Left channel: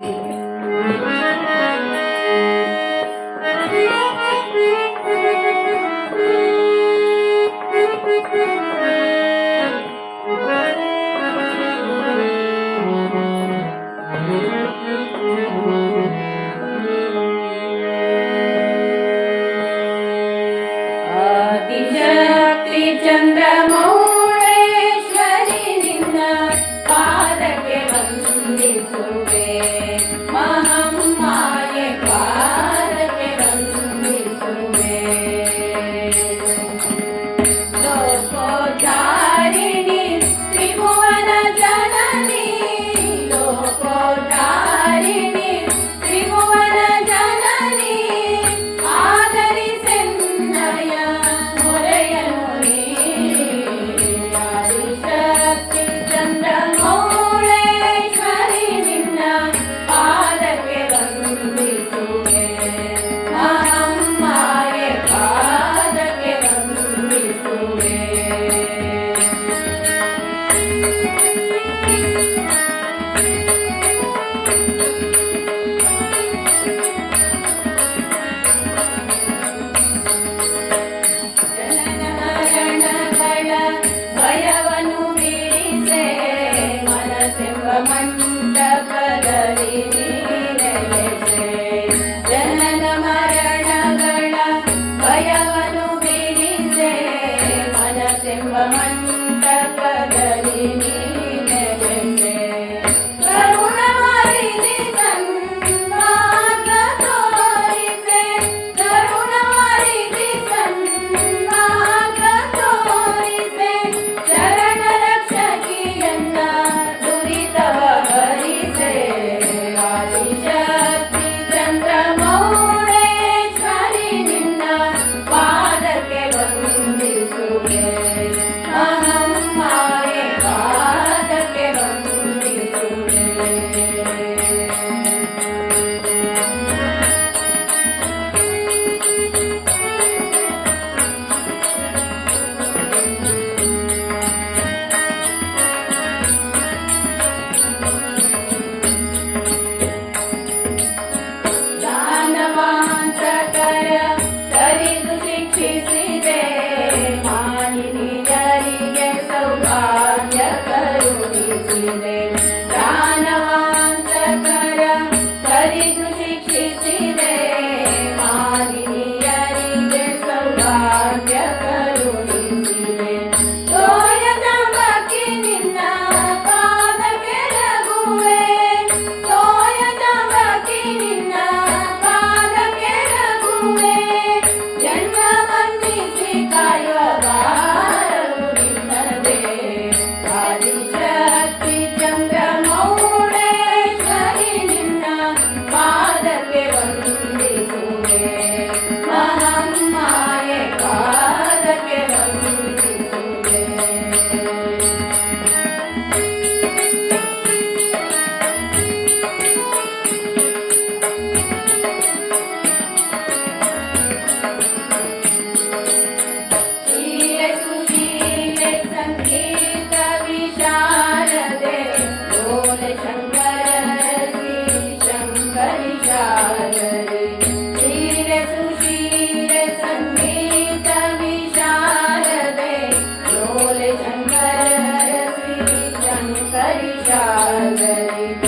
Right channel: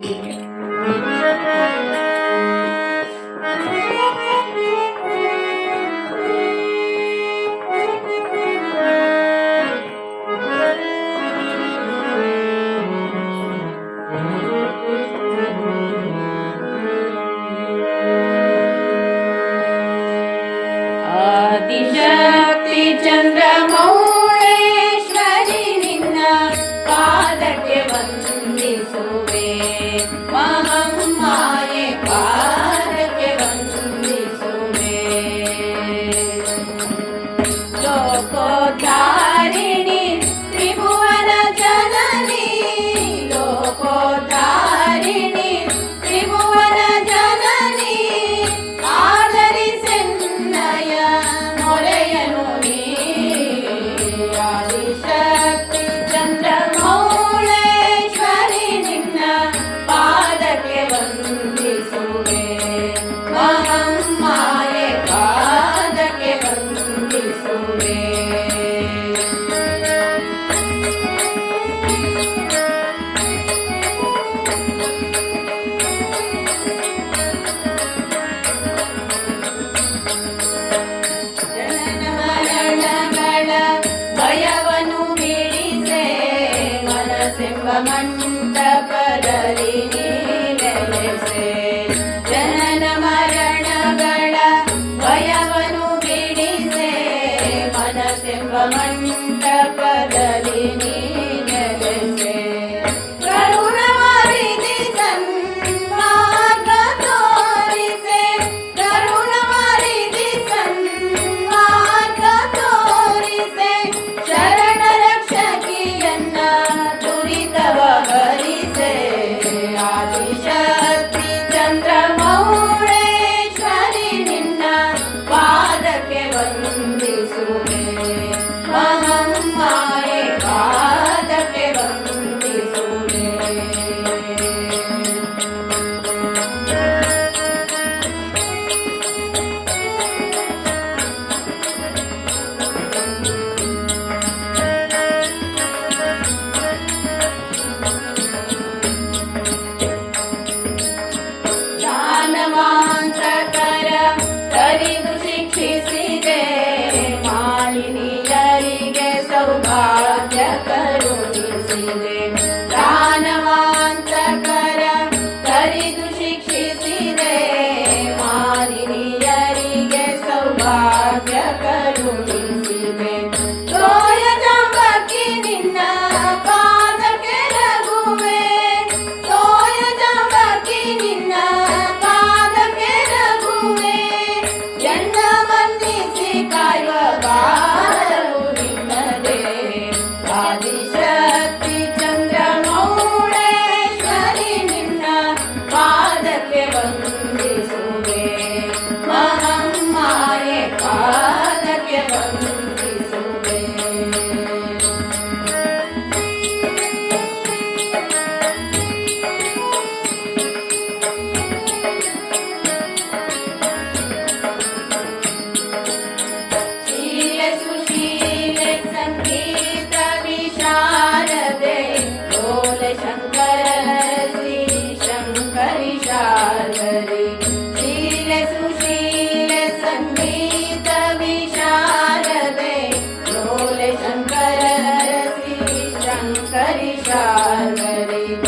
Thank you. త్రిభువన జనని లోకోదారిణి ಮಂಟಪದಲ್ಲಿ ನೀರಲೆಸೆ ಜನನ ಮರಣಗಳ ಭಯವನ್ನು ಬಿಡಿಸೆ. ಮನಸ್ಸೆಂಬ ಮಂಟ I Hare